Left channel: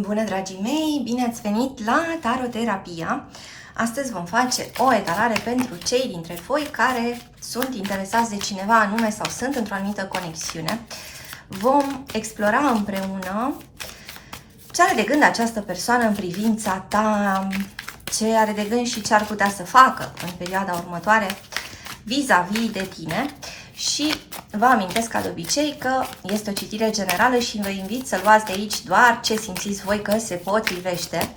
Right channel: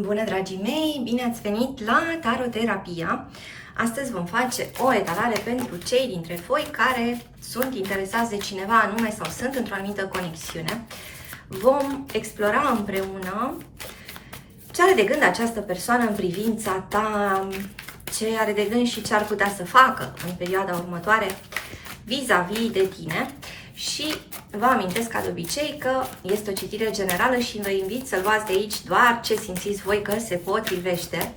Bună, dragii mei! Bine ați venit la Taroterapia! Astăzi vom face o etalare pentru cei dintre voi care sunt interesați de cineva anume sau sunt într-o anumită conexiune. Vom explora împreună ce are de gând această persoană în privința ta, ce are de gând și ce ar putea să facă în perioada următoare vis-a-vis de tine. Și vă amintesc ca de obicei că este o citire generală și vă invit să luați de aici doar ce simțiți voi că se potrivește.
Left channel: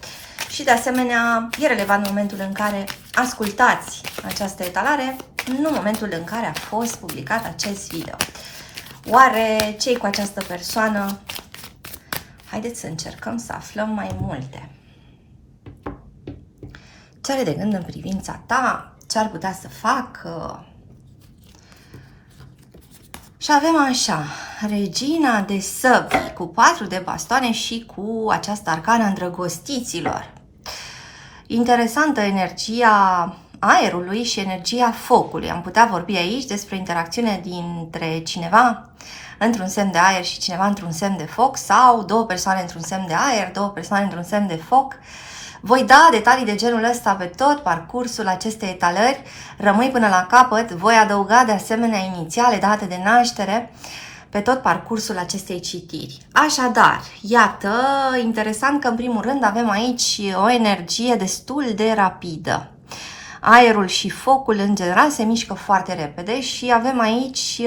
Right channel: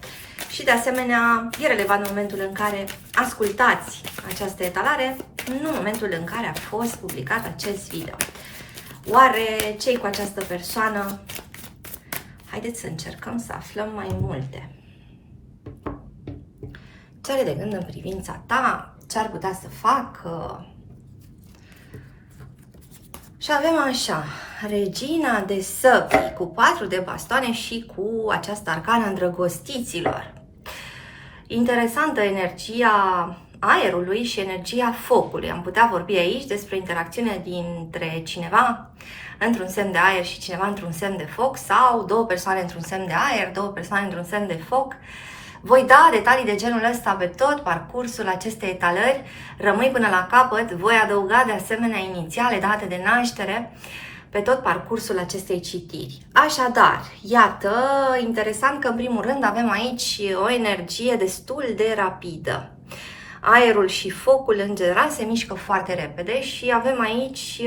Și de asemenea e relevant în momentul în care ascultați această etalare, nu în momentul în care a fost publicat acest video. Oare ce-i cu această persoană? Haideți să încercăm să aflăm mai multe. Ce are de gând în privința ta? Ce ar putea să facă? Și avem așa, Regina de Săbii, cu 4 de bastoane și cu această arcană îndrăgostiților. Interesantă energia aerului și energia focului. Am putea vorbi aici despre interacțiune dintre cineva într-un semn de aer și cineva într-un semn de foc, sau două persoane într-un semn de aer, două persoane într-un semn de foc. Voi da detalii de genul ăsta pe tot parcursul acestei etalări. Rămâi până la capăt. Voi adăuga de asemenea inițiale, date de naștere, pe tot parcursul acestei citiri. Așadar, iată, interesant că în primul rând avem aici o energie destul de rapidă. Aerul și focul în general se mișcă foarte repede și avem aici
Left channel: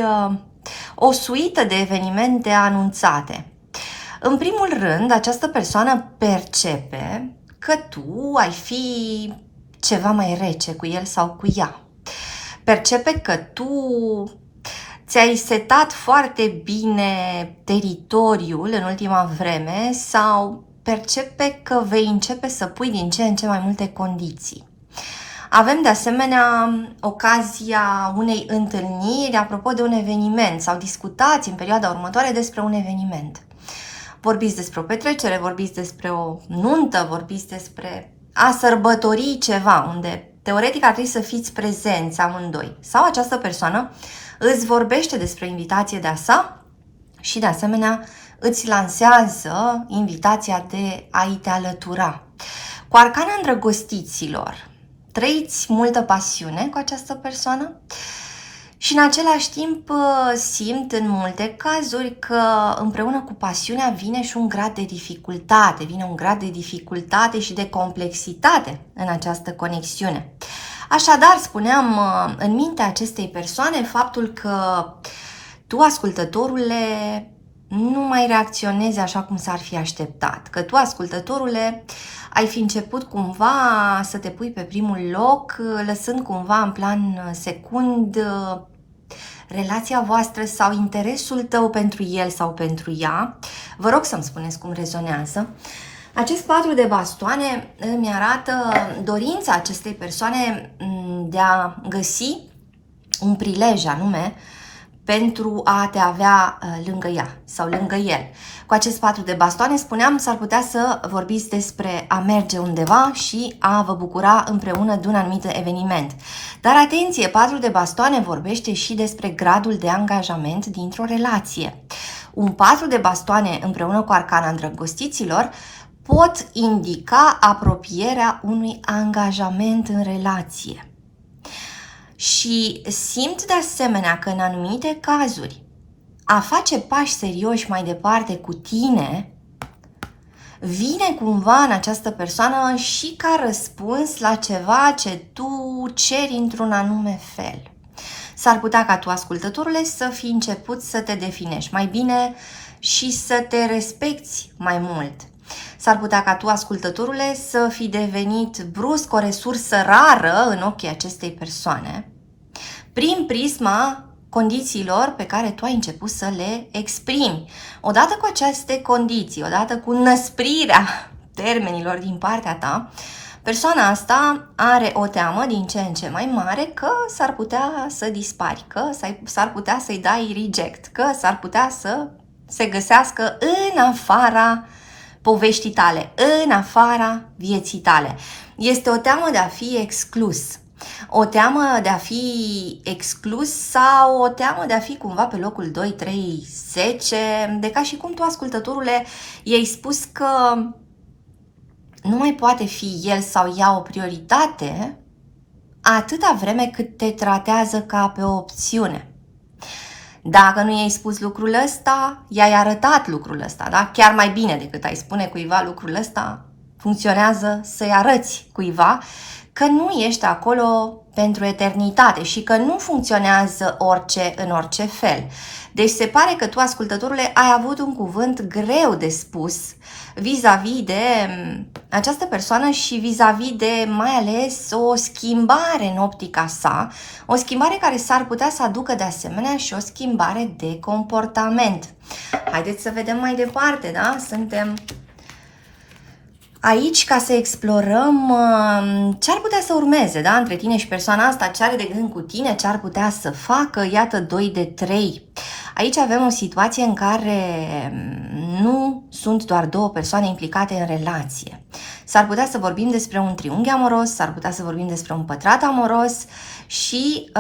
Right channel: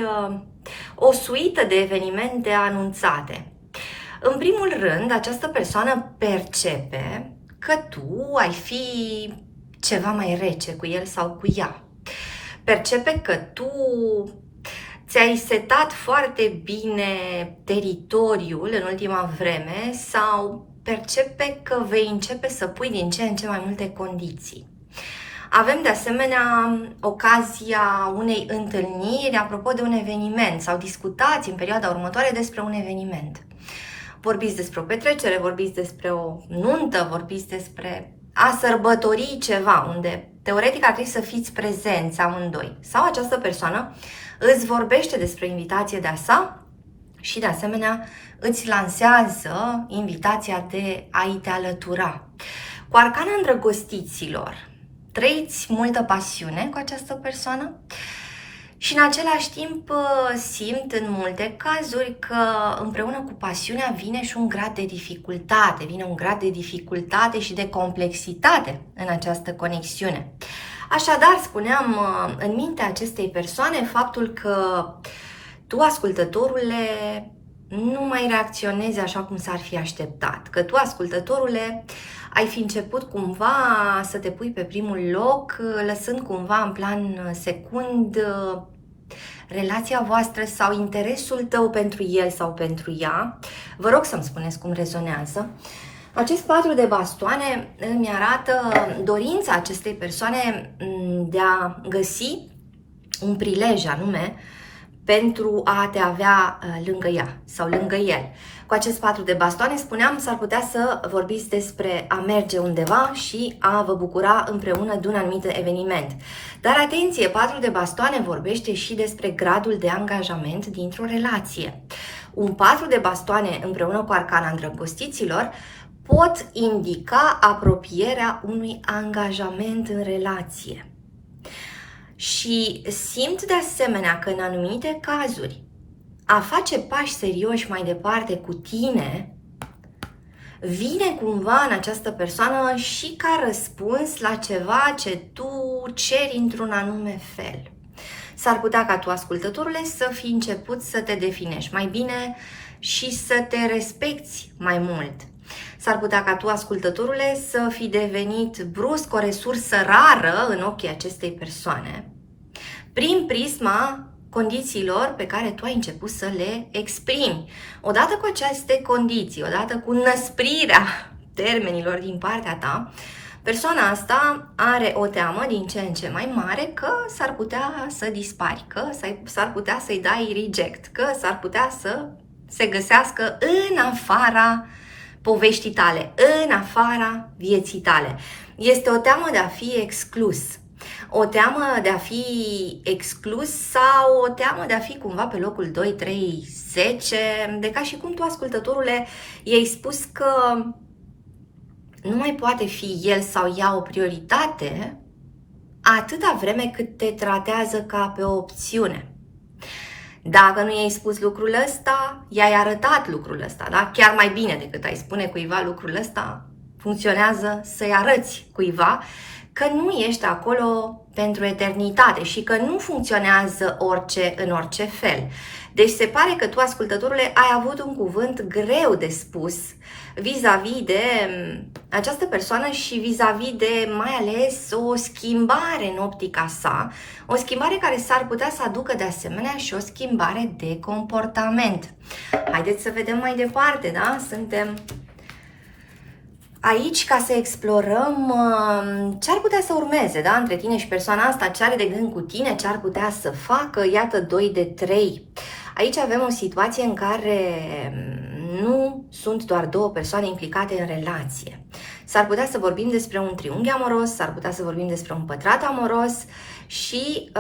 o suită de evenimente anunțate. În primul rând, această persoană percepe că tu ai fi ceva mai rece cu el sau cu ea. Percepe că tu ți-ai setat foarte bine teritoriul în ultima vreme sau percepe că vei începe să pui din ce în ce mai multe condiții. Avem de asemenea ocazia unei întâlniri apropo de un eveniment sau discutați în perioada următoare despre un eveniment. Vorbiți despre o petrecere, vorbiți despre o nuntă, vorbiți despre a sărbători ceva, unde teoretic ar trebui să fiți prezenți amândoi. Sau această persoană îți vorbește despre invitație de-a sa și de asemenea îți lansează invitația de a-i te alătura. Cu arcana îndrăgostiților, trăiți multă pasiune cu această persoană și în același timp simt în multe cazuri că împreună cu pasiunea vine și un grad de dificultate, vine un grad de dificultate și de complexitate în această conexiune. Așadar, spuneam, în mintea acestei persoane faptul că tu, ascultătorule, nu mai reacționezi așa cum s-ar fi așteptat, că tu, ascultătorule, ai fi început cumva să te pui pe primul loc, lăsând cumva în plan secund relația voastră sau interesul tău pentru el sau pentru ea. Vă rog să-mi spuneți cum rezonează. Acest 4 de bastoane îmi arată dorința acestei persoane de a găsi un prilej anume pentru a te avea lângă ea sau lângă el. Cu acest 4 de bastoane, spuneam, s-ar putea să vorbiți despre a merge undeva și a vă bucura împreună de un anumit eveniment. Dar atenție, 4 de bastoane vorbește și despre gradul de angajament dintr-o relație. Un 4 de bastoane împreună cu arcana îndrăgostiților pot indica apropierea unui angajament în relație. Și simt de asemenea că în anumite cazuri a face pași serioși mai departe cu tine vine cumva în această persoană și ca răspuns la ceva ce tu ceri într-un anume fel. S-ar putea ca tu, ascultătorule, să fi început să te definești mai bine și să te respecti mai mult. S-ar putea ca tu, ascultătorule, să fi devenit brusc o resursă rară în ochii acestei persoane, prin prisma condițiilor pe care tu ai început să le exprimi. Odată cu aceste condiții, odată cu năsprirea termenilor din partea ta, persoana asta are o teamă din ce în ce mai mare că s-ar putea să dispari, că s-ar putea să-i dai reject, că s-ar putea să se găsească în afara poveștii tale, în afara vieții tale. Este o teamă de a fi exclus. O teamă de a fi exclus sau o teamă de a fi cumva pe locul 2, 3, 10, de ca și cum tu, ascultătorule, i-ai spus că nu mai poate fi el sau ea o prioritate atâta vreme cât te tratează ca pe o opțiune. Dacă nu i-ai spus lucrul ăsta, i-ai arătat lucrul ăsta, da? Chiar mai bine decât ai spune cuiva lucrul ăsta, funcționează să-i arăți cuiva că nu ești acolo pentru eternitate și că nu funcționează orice în orice fel. Deci se pare că tu, ascultătorule, ai avut un cuvânt greu de spus vis-a-vis de această persoană și vis-a-vis de mai ales o schimbare în optica sa, o schimbare care s-ar putea să aducă de asemenea și o schimbare de comportament. Haideți să vedem mai departe, da? Suntem aici ca să explorăm ce ar putea să urmeze, da? Între tine și persoana asta, ce are de gând cu tine, ce ar putea să facă, iată 2 de 3. Aici avem o situație în care nu sunt doar 2 persoane implicate în relație. S-ar putea să vorbim despre un triunghi amoros, s-ar putea să vorbim despre un pătrat amoros și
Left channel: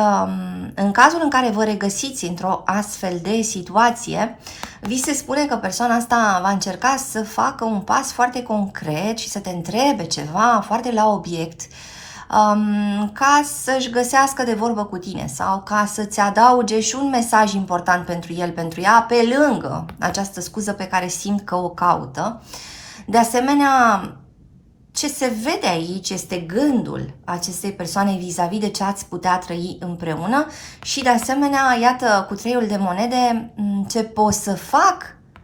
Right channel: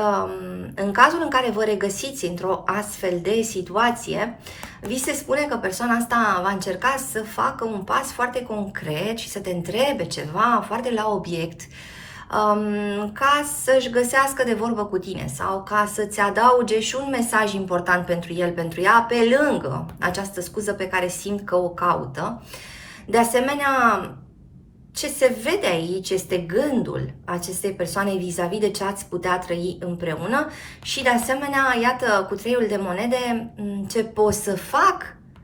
în cazul în care vă regăsiți într-o astfel de situație, vi se spune că persoana asta va încerca să facă un pas foarte concret și să te întrebe ceva foarte la obiect, ca să-și găsească de vorbă cu tine sau ca să-ți adauge și un mesaj important pentru el, pentru ea, pe lângă această scuză pe care simt că o caută. De asemenea, ce se vede aici este gândul acestei persoane vis-a-vis de ce ați putea trăi împreună și de asemenea, iată, cu 3-ul de monede, ce pot să fac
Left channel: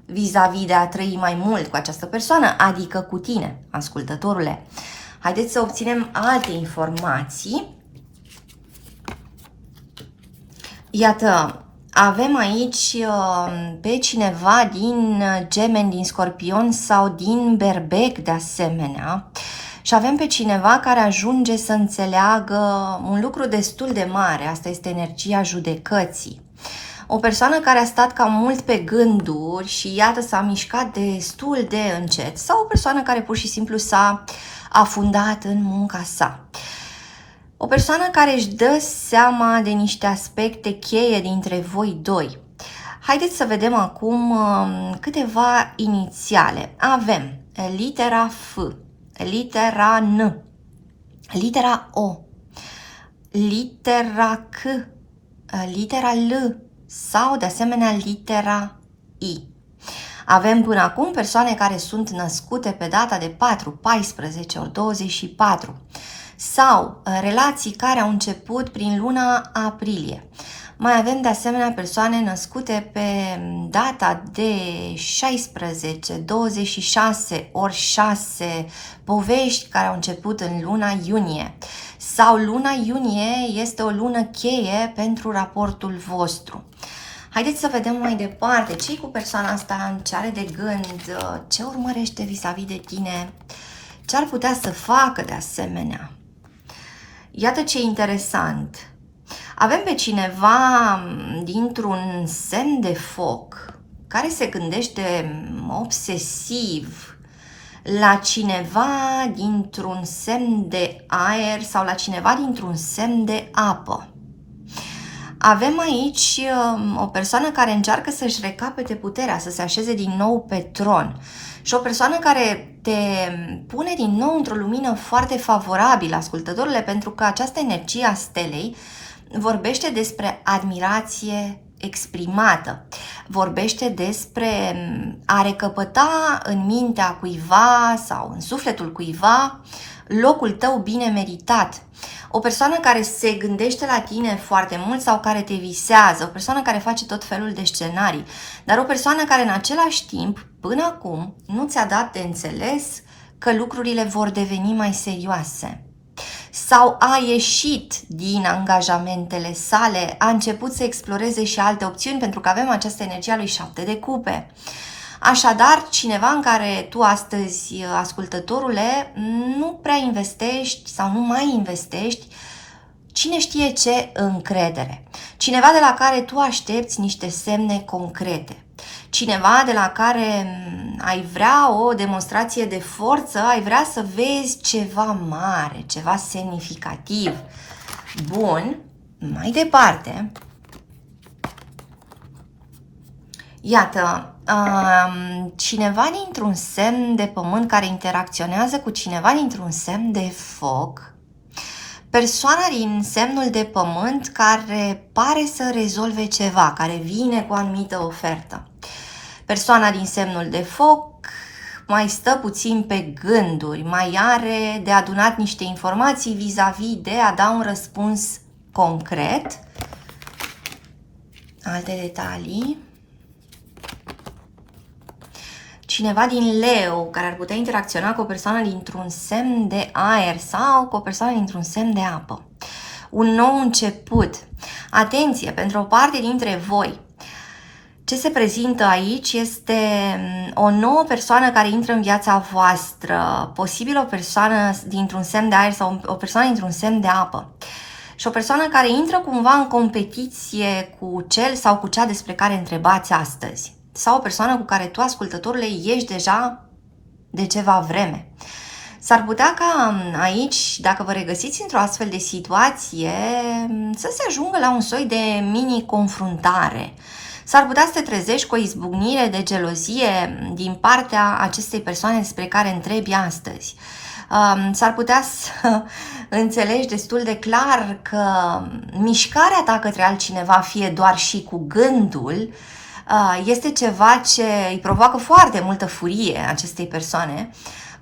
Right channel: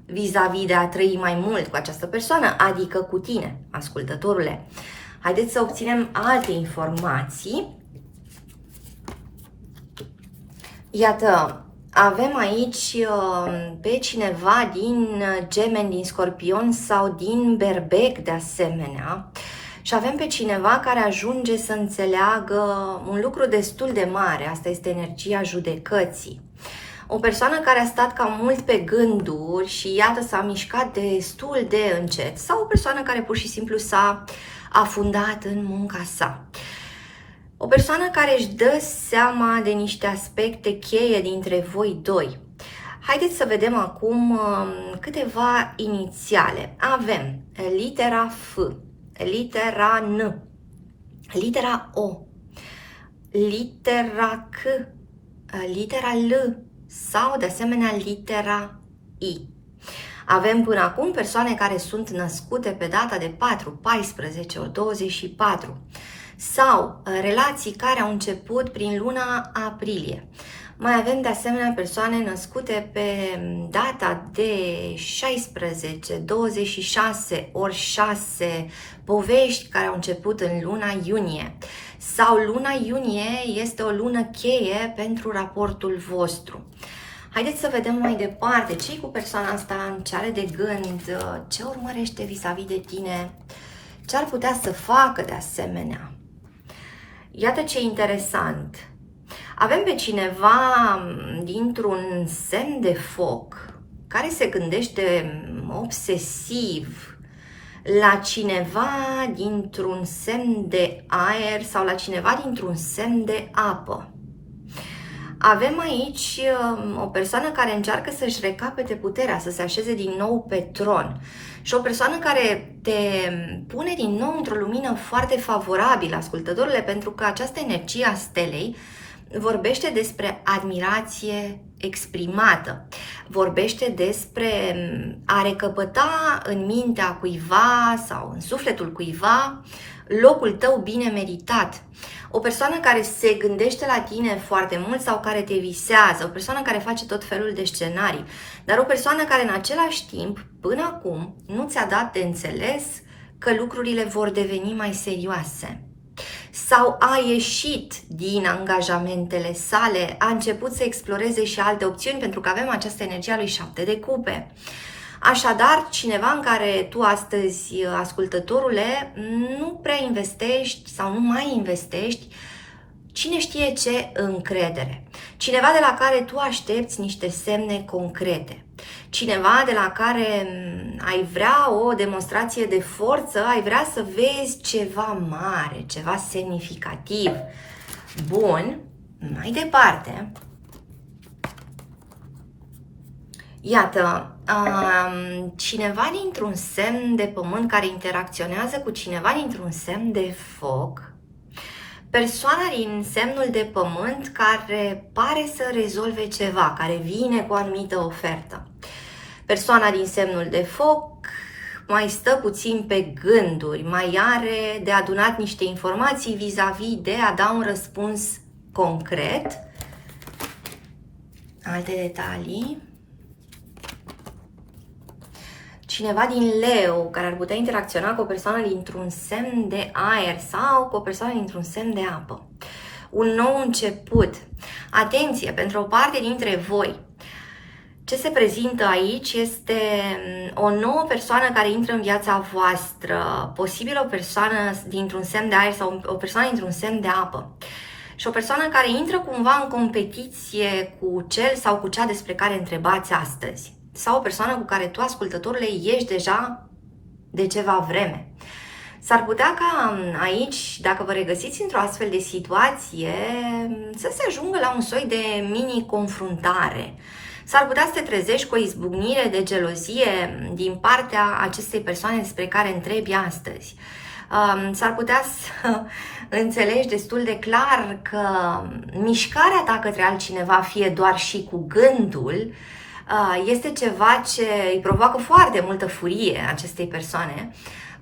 vis-a-vis de a trăi mai mult cu această persoană, adică cu tine, ascultătorule. Haideți să obținem alte informații. Iată, avem aici pe cineva din Gemeni, din Scorpion sau din Berbec de asemenea. Și avem pe cineva care ajunge să înțeleagă un lucru destul de mare. Asta este energia judecății. O persoană care a stat cam mult pe gânduri și iată s-a mișcat destul de încet. Sau o persoană care pur și simplu s-a afundat în munca sa. O persoană care își dă seama de niște aspecte cheie dintre voi doi. Haideți să vedem acum câteva inițiale. Avem litera F, litera N, litera O, litera C, litera L sau de asemenea litera I. Avem până acum persoane care sunt născute pe data de 4, 14 ori 24 sau relații care au început prin luna aprilie. Mai avem de asemenea persoane născute pe data de 16, 26 ori 6, povești care au început în luna iunie. Sau luna iunie este o lună cheie pentru raportul vostru. Haideți să vedem mai departe ce cu persoana asta, ce are de gând, ce urmărește vis-a-vis de tine, ce ar putea să facă de asemenea. Iată ce interesant. Avem pe cineva dintr-un semn de foc care se gândește obsesiv la cineva dintr-un semn de aer sau la cineva dintr-un semn de apă. Avem aici o persoană care încearcă să-și recapete puterea, să se așeze din nou pe tron. Și o persoană care te pune din nou într-o lumină foarte favorabilă, ascultătorule, pentru că această energie a stelei vorbește despre admirație exprimată. Vorbește despre a recăpăta în mintea cuiva sau în sufletul cuiva locul tău bine meritat. O persoană care se gândește la tine foarte mult sau care te visează, o persoană care face tot felul de scenarii, dar o persoană care în același timp, până acum, nu ți-a dat de înțeles că lucrurile vor deveni mai serioase. Sau a ieșit din angajamentele sale, a început să exploreze și alte opțiuni, pentru că avem această energie a lui 7 de cupe. Așadar, cineva în care tu astăzi, ascultătorule, nu prea investești sau nu mai investești, Cine știe ce încredere. Cineva de la care tu aștepți niște semne concrete. Cineva de la care ai vrea o demonstrație de forță, ai vrea să vezi ceva mare, ceva semnificativ. Bun, mai departe. Iată, cineva dintr-un semn de pământ care interacționează cu cineva dintr-un semn de foc. Persoana din semnul de pământ care pare să rezolve ceva, care vine cu o anumită ofertă. Persoana din semnul de foc mai stă puțin pe gânduri, mai are de adunat niște informații vis-a-vis de a da un răspuns concret. Alte detalii. Cineva din Leu care ar putea interacționa cu o persoană dintr-un semn de aer sau cu o persoană dintr-un semn de apă. Un nou început. Atenție, pentru o parte dintre voi, ce se prezintă aici este o nouă persoană care intră în viața voastră, posibil o persoană dintr-un semn de aer sau o persoană dintr-un semn de apă. Și o persoană care intră cumva în competiție cu cel sau cu cea despre care întrebați astăzi. Sau o persoană cu care tu, ascultătorule, ești deja de ceva vreme. S-ar putea ca aici, dacă vă regăsiți într-o astfel de situație, să se ajungă la un soi de mini-confruntare. S-ar putea să te trezești cu o izbucnire de gelozie din partea acestei persoane despre care întrebi astăzi. S-ar putea să înțelegi destul de clar că mișcarea ta către altcineva, fie doar și cu gândul, este ceva ce îi provoacă foarte multă furie acestei persoane,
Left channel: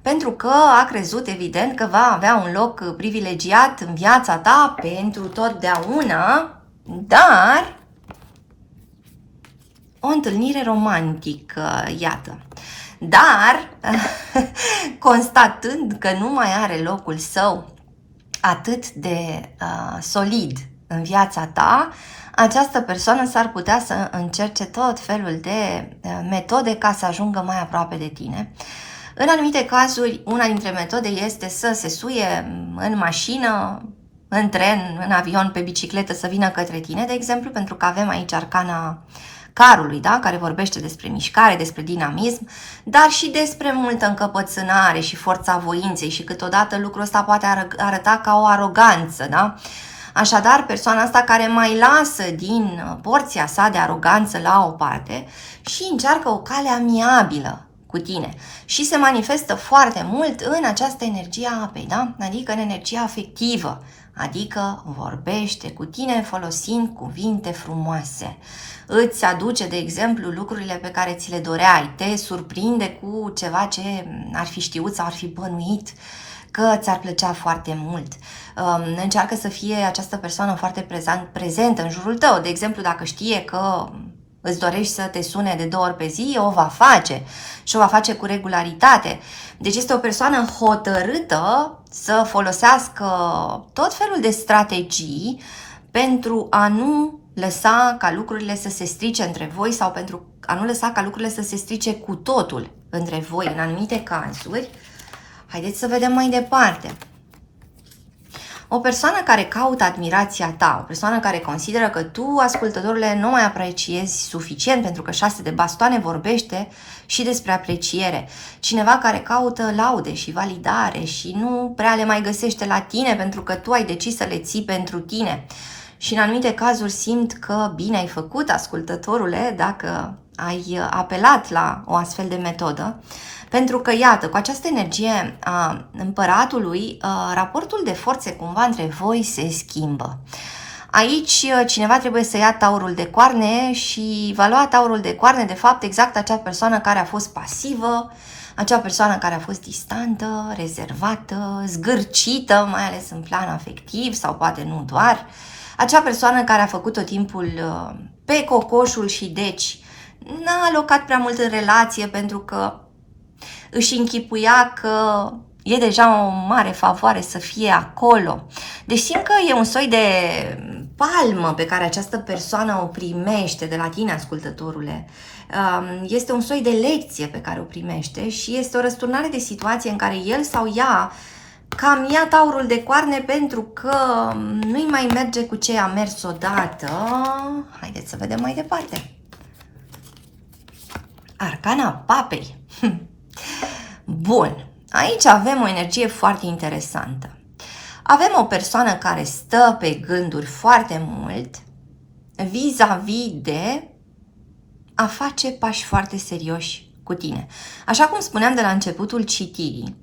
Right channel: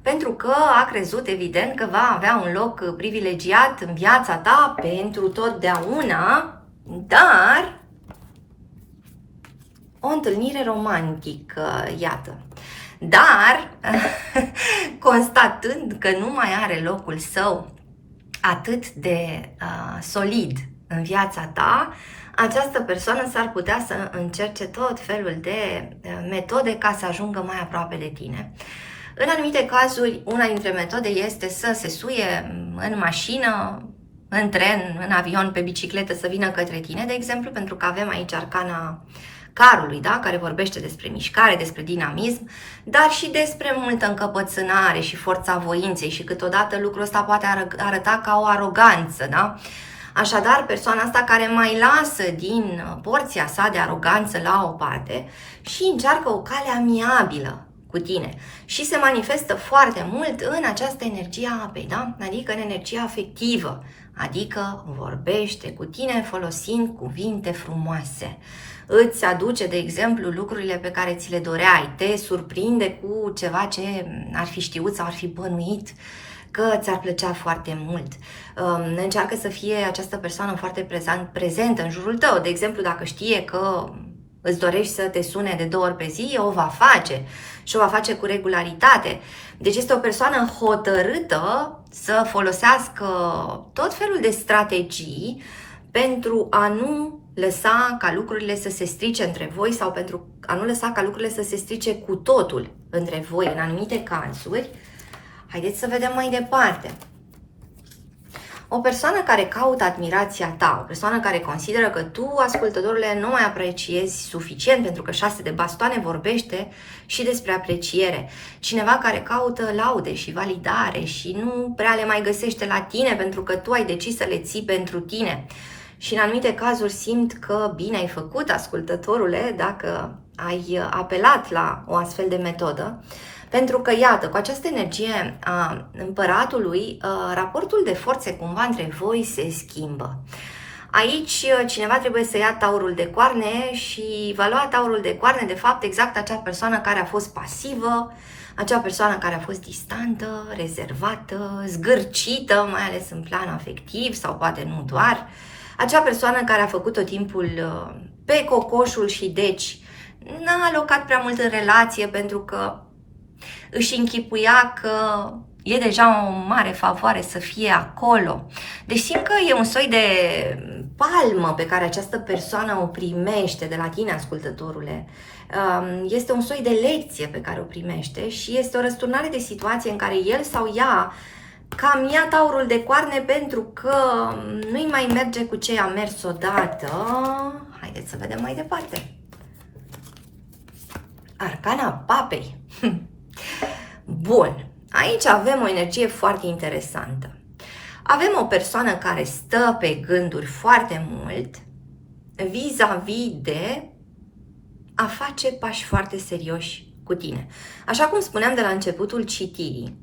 pentru că a crezut, evident, că va avea un loc privilegiat în viața ta pentru totdeauna, dar o întâlnire romantică, iată. Dar, constatând că nu mai are locul său atât de solid în viața ta, această persoană s-ar putea să încerce tot felul de metode ca să ajungă mai aproape de tine. În anumite cazuri, una dintre metode este să se suie în mașină, în tren, în avion, pe bicicletă, să vină către tine, de exemplu, pentru că avem aici arcana carului, da? Care vorbește despre mișcare, despre dinamism, dar și despre multă încăpățânare și forța voinței și câteodată lucrul ăsta poate arăta ca o aroganță, da? Așadar, persoana asta care mai lasă din porția sa de aroganță la o parte și încearcă o cale amiabilă cu tine și se manifestă foarte mult în această energie a apei, da? Adică în energia afectivă, adică vorbește cu tine folosind cuvinte frumoase. Îți aduce, de exemplu, lucrurile pe care ți le doreai, te surprinde cu ceva ce ar fi știut sau ar fi bănuit că ți-ar plăcea foarte mult. Încearcă să fie această persoană foarte prezentă în jurul tău. De exemplu, dacă știe că îți dorești să te sune de 2 ori pe zi, o va face și o va face cu regularitate. Deci este o persoană hotărâtă să folosească tot felul de strategii pentru a nu lăsa ca lucrurile să se strice între voi sau pentru a nu lăsa ca lucrurile să se strice cu totul între voi în anumite cazuri. Haideți să vedem mai departe. O persoană care caută admirația ta, o persoană care consideră că tu, ascultătorule, nu mai apreciezi suficient, pentru că 6 de bastoane vorbește și despre apreciere. Cineva care caută laude și validare și nu prea le mai găsește la tine pentru că tu ai decis să le ții pentru tine. Și în anumite cazuri simt că bine ai făcut, ascultătorule, dacă ai apelat la o astfel de metodă. Pentru că, iată, cu această energie a împăratului, raportul de forțe cumva între voi se schimbă. Aici cineva trebuie să ia taurul de coarne și va lua taurul de coarne, de fapt, exact acea persoană care a fost pasivă, acea persoană care a fost distantă, rezervată, zgârcită, mai ales în plan afectiv sau poate nu doar, acea persoană care a făcut tot timpul pe cocoșul și deci n-a alocat prea mult în relație pentru că își închipuia că e deja o mare favoare să fie acolo. Deci simt că e un soi de palmă pe care această persoană o primește de la tine, ascultătorule. Este un soi de lecție pe care o primește și este o răsturnare de situație în care el sau ea cam ia taurul de coarne pentru că nu-i mai merge cu ce a mers odată. Haideți să vedem mai departe. Arcana papei. Bun, aici avem o energie foarte interesantă. Avem o persoană care stă pe gânduri foarte mult vis-a-vis de a face pași foarte serioși cu tine. Așa cum spuneam de la începutul citirii,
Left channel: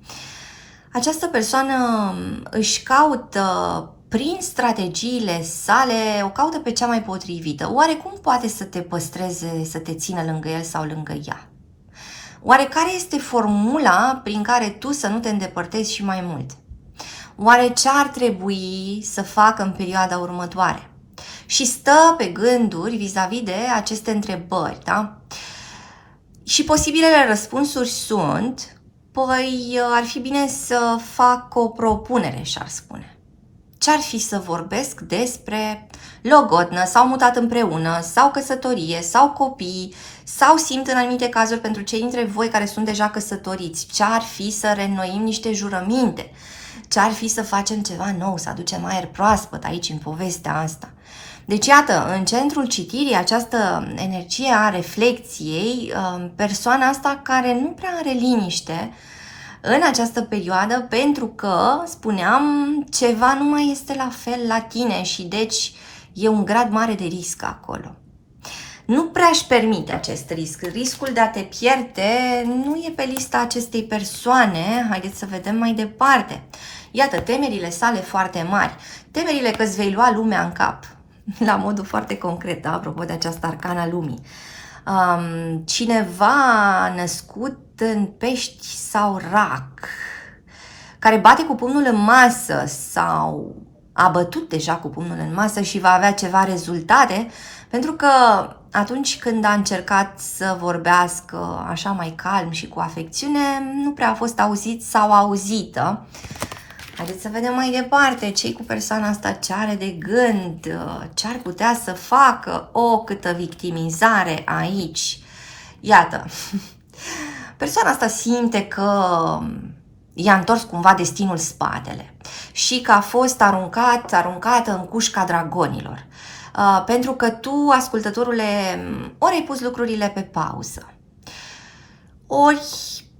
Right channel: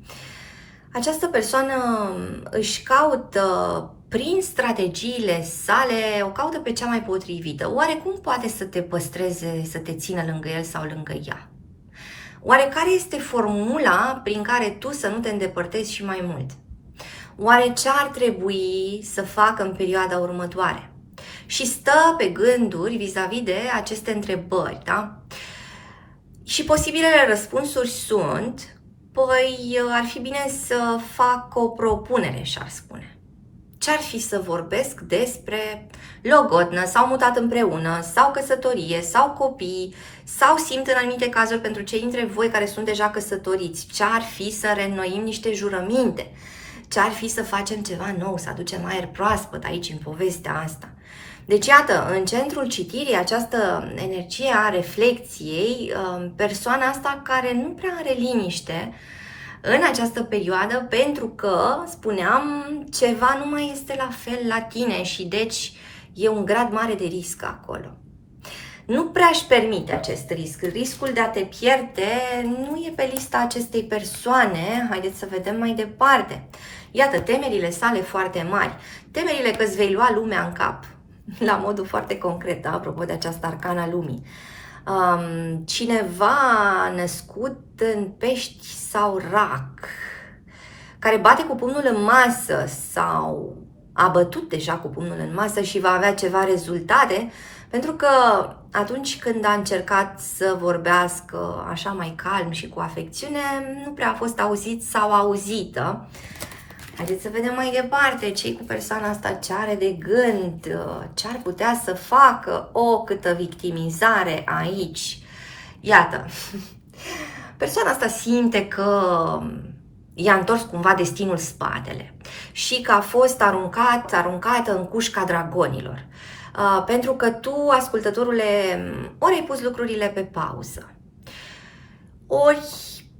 această persoană își caută, prin strategiile sale, o caută pe cea mai potrivită. Oare cum poate să te păstreze, să te țină lângă el sau lângă ea? Oare care este formula prin care tu să nu te îndepărtezi și mai mult? Oare ce ar trebui să facă în perioada următoare? Și stă pe gânduri vis-a-vis de aceste întrebări, da? Și posibilele răspunsuri sunt, păi ar fi bine să fac o propunere, și-ar spune. Ce-ar fi să vorbesc despre logodnă sau mutat împreună, sau căsătorie, sau copii, sau simt în anumite cazuri pentru cei dintre voi care sunt deja căsătoriți, ce-ar fi să reînnoim niște jurăminte, ce-ar fi să facem ceva nou, să aducem aer proaspăt aici în povestea asta. Deci, iată, în centrul citirii, această energie a reflecției, persoana asta care nu prea are liniște în această perioadă, pentru că, spuneam, ceva nu mai este la fel la tine și deci e un grad mare de risc acolo. Nu prea își permite acest risc. Riscul de a te pierde nu e pe lista acestei persoane. Haideți să vedem mai departe. Iată, temerile sale foarte mari. Temerile că îți vei lua lumea în cap. La modul foarte concret, apropo de această arcana lumii. Cineva născut în pești sau rac, care bate cu pumnul în masă sau a bătut deja cu pumnul în masă și va avea ceva rezultate, pentru că atunci când a încercat să vorbească așa mai calm și cu afecțiune, nu prea a fost auzit sau auzită. Haideți să vedem mai departe ce cu persoana asta, ce are de gând, ce ar putea să facă, câtă victimizare aici. Iată, persoana asta simte că i-a întors cumva destinul spatele și că a fost aruncată în cușca dragonilor. Pentru că tu, ascultătorule, ori ai pus lucrurile pe pauză, ori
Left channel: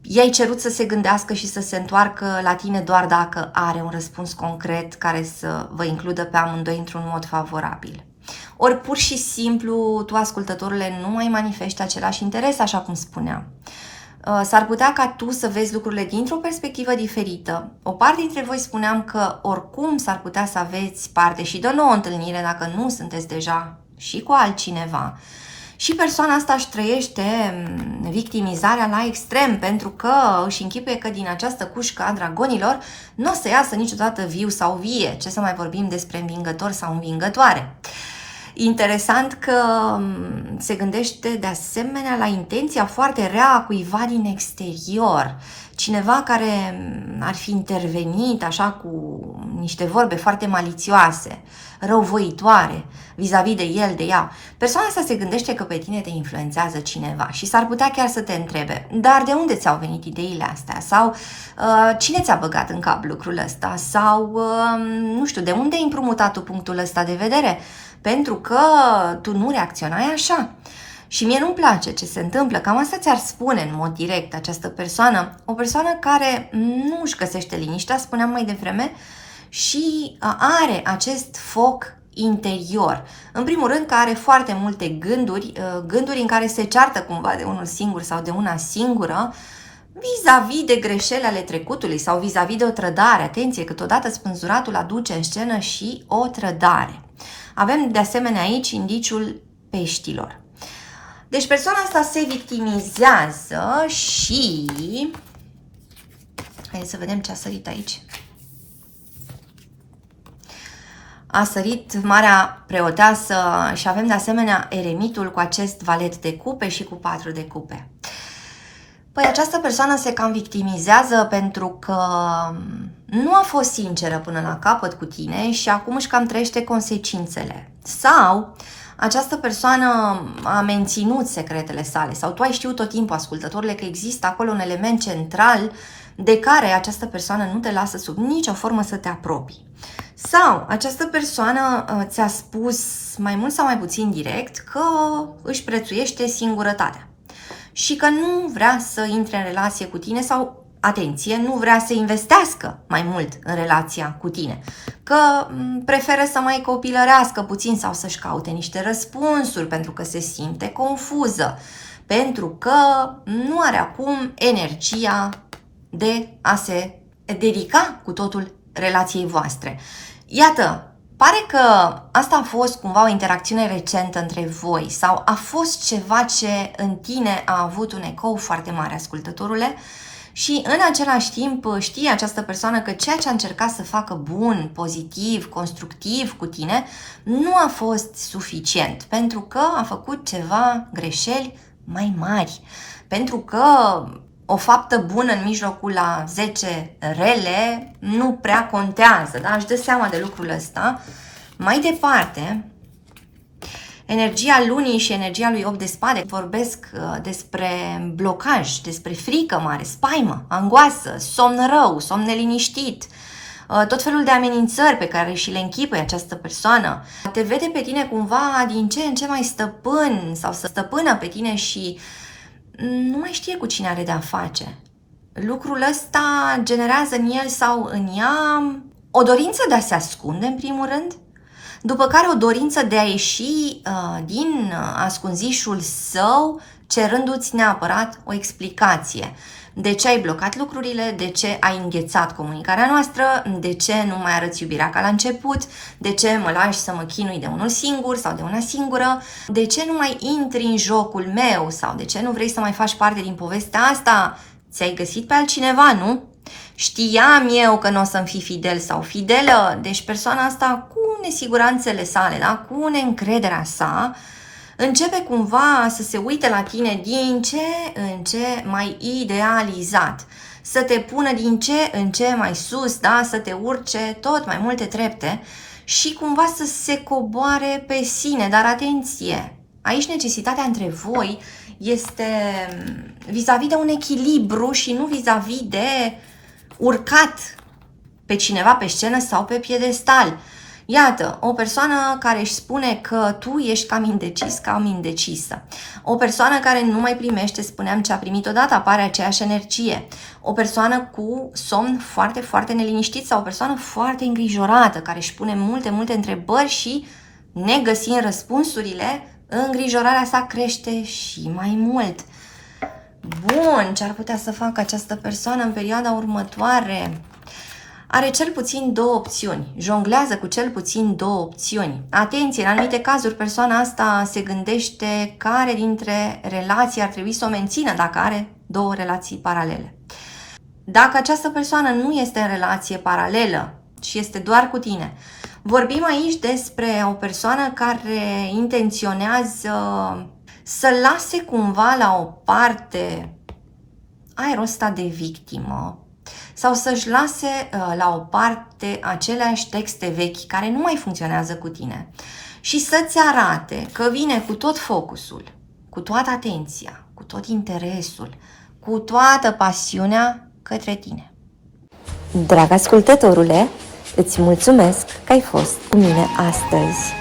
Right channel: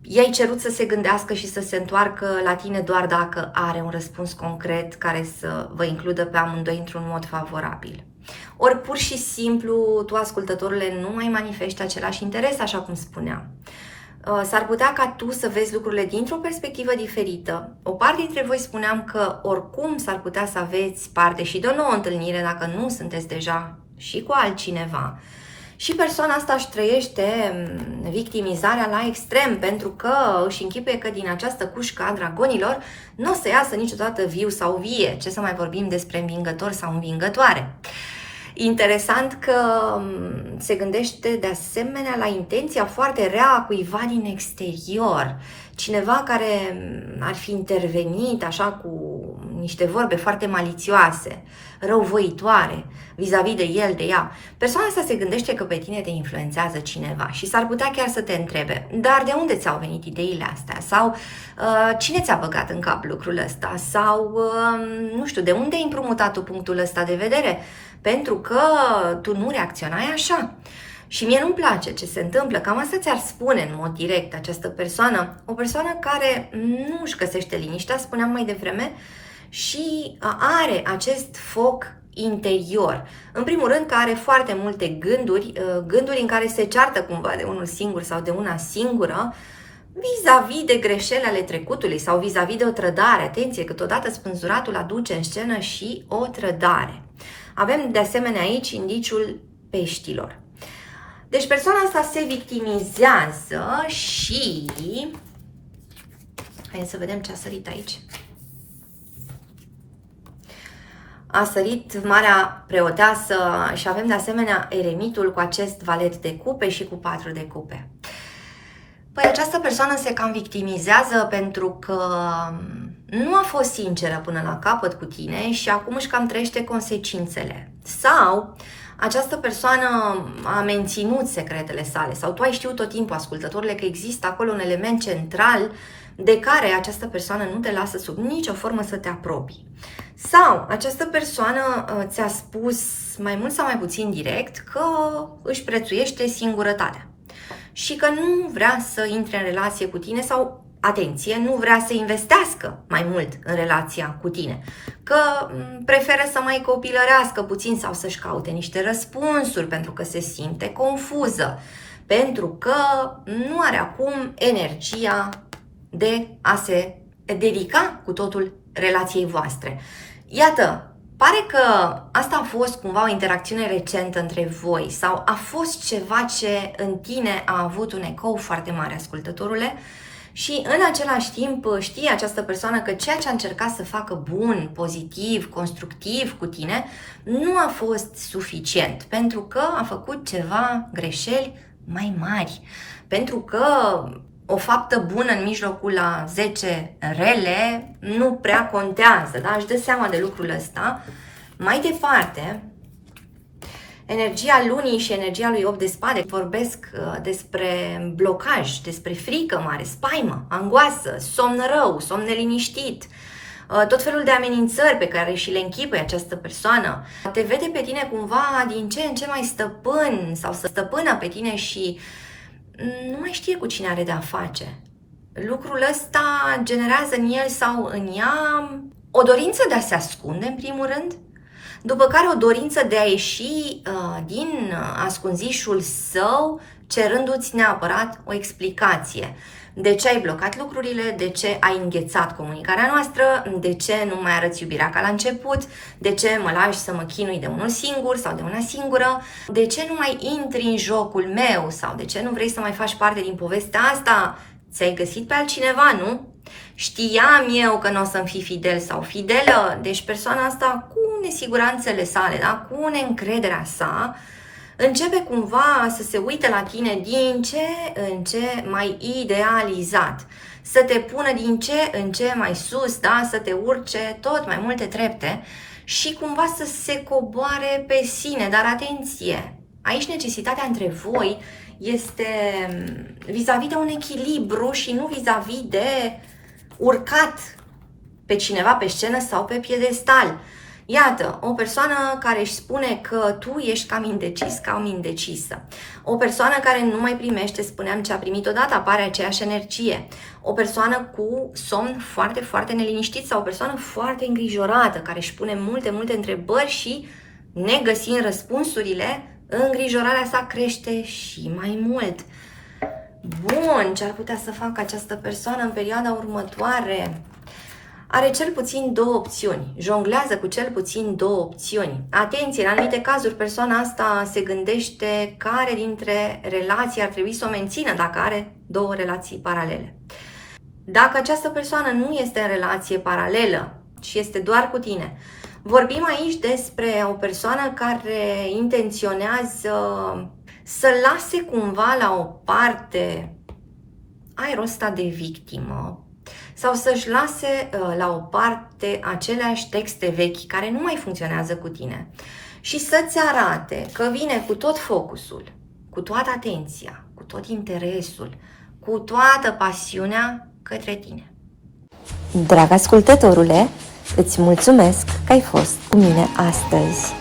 i-ai cerut să se gândească și să se întoarcă la tine doar dacă are un răspuns concret care să vă includă pe amândoi într-un mod favorabil. Ori pur și simplu, tu, ascultătorule, nu mai manifesti același interes, așa cum spuneam. S-ar putea ca tu să vezi lucrurile dintr-o perspectivă diferită. O parte dintre voi spuneam că oricum s-ar putea să aveți parte și de o nouă întâlnire dacă nu sunteți deja și cu altcineva. Și persoana asta își trăiește victimizarea la extrem, pentru că își închipuie că din această cușcă a dragonilor nu o să iasă niciodată viu sau vie. Ce să mai vorbim despre învingător sau învingătoare. Interesant că se gândește de asemenea la intenția foarte rea a cuiva din exterior. Cineva care ar fi intervenit așa cu niște vorbe foarte malițioase, răuvoitoare, vis-a-vis de el, de ea. Persoana asta se gândește că pe tine te influențează cineva și s-ar putea chiar să te întrebe, dar de unde ți-au venit ideile astea? Sau cine ți-a băgat în cap lucrul ăsta? Sau, nu știu, de unde ai împrumutat tu punctul ăsta de vedere? Pentru că tu nu reacționai așa. Și mie nu-mi place ce se întâmplă. Cam asta ți-ar spune în mod direct această persoană. O persoană care nu își găsește liniștea, spuneam mai devreme, și are acest foc interior. În primul rând că are foarte multe gânduri în care se ceartă cumva de unul singur sau de una singură, vis-a-vis de greșeli ale trecutului sau vis-a-vis de o trădare. Atenție, că totodată spânzuratul aduce în scenă și o trădare. Avem de asemenea aici indiciul peștilor. Deci persoana asta se victimizează și... Hai să vedem ce a sărit aici. A sărit Marea Preoteasă și avem de asemenea eremitul cu acest valet de cupe și cu 4 de cupe. Păi această persoană se cam victimizează pentru că nu a fost sinceră până la capăt cu tine și acum își cam trăiește consecințele. Sau această persoană a menținut secretele sale sau tu ai știut tot timpul, ascultătorile, că există acolo un element central de care această persoană nu te lasă sub nicio formă să te apropii. Sau această persoană ți-a spus mai mult sau mai puțin direct că își prețuiește singurătatea și că nu vrea să intre în relație cu tine sau, atenție, nu vrea să investească mai mult în relația cu tine, că preferă să mai copilărească puțin sau să-și caute niște răspunsuri pentru că se simte confuză, pentru că nu are acum energia de a se dedica cu totul relației voastre. Iată, pare că asta a fost cumva o interacțiune recentă între voi sau a fost ceva ce în tine a avut un ecou foarte mare, ascultătorule, și în același timp știe această persoană că ceea ce a încercat să facă bun, pozitiv, constructiv cu tine nu a fost suficient, pentru că a făcut ceva greșeli mai mari, pentru că o faptă bună în mijlocul la 10 rele nu prea contează, da? Își dă seama de lucrul ăsta. Mai departe, energia lunii și energia lui 8 de spade vorbesc despre blocaj, despre frică mare, spaimă, angoasă, somn rău, somn neliniștit, tot felul de amenințări pe care și le închipuie această persoană. Te vede pe tine cumva din ce în ce mai stăpân sau să stăpână pe tine și nu mai știe cu cine are de-a face. Lucrul ăsta generează în el sau în ea o dorință de a se ascunde, în primul rând, după care o dorință de a ieși din ascunzișul său, cerându-ți neapărat o explicație. De ce ai blocat lucrurile, de ce ai înghețat comunicarea noastră, de ce nu mai arăți iubirea ca la început, de ce mă lași să mă chinui de unul singur sau de una singură, de ce nu mai intri în jocul meu sau de ce nu vrei să mai faci parte din povestea asta, ți-ai găsit pe altcineva, nu? Știam eu că nu o să-mi fii fidel sau fidelă, deci persoana asta cu nesiguranțele sale, da? Cu neîncrederea sa, începe cumva să se uite la tine din ce în ce mai idealizat, să te pună din ce în ce mai sus, da? Să te urce tot mai multe trepte și cumva să se coboare pe sine. Dar atenție, aici necesitatea între voi este vis-a-vis de un echilibru și nu vis-a-vis de urcat pe cineva pe scenă sau pe piedestal. Iată, o persoană care își spune că tu ești cam indecis, cam indecisă. O persoană care nu mai primește, spuneam, ce a primit odată, apare aceeași energie. O persoană cu somn foarte, foarte neliniștit sau o persoană foarte îngrijorată, care își pune multe, multe întrebări și, negăsind răspunsurile, îngrijorarea sa crește și mai mult. Bun, ce ar putea să facă această persoană în perioada următoare? Are cel puțin două opțiuni, jonglează cu cel puțin două opțiuni. Atenție, în anumite cazuri persoana asta se gândește care dintre relații ar trebui să o mențină dacă are două relații paralele. Dacă această persoană nu este în relație paralelă și este doar cu tine, vorbim aici despre o persoană care intenționează să lase cumva la o parte aerul ăsta de victimă, sau să-și lase la o parte aceleași texte vechi care nu mai funcționează cu tine și să-ți arate că vine cu tot focusul, cu toată atenția, cu tot interesul, cu toată pasiunea către tine. Drag ascultătorule, îți mulțumesc că ai fost cu mine astăzi.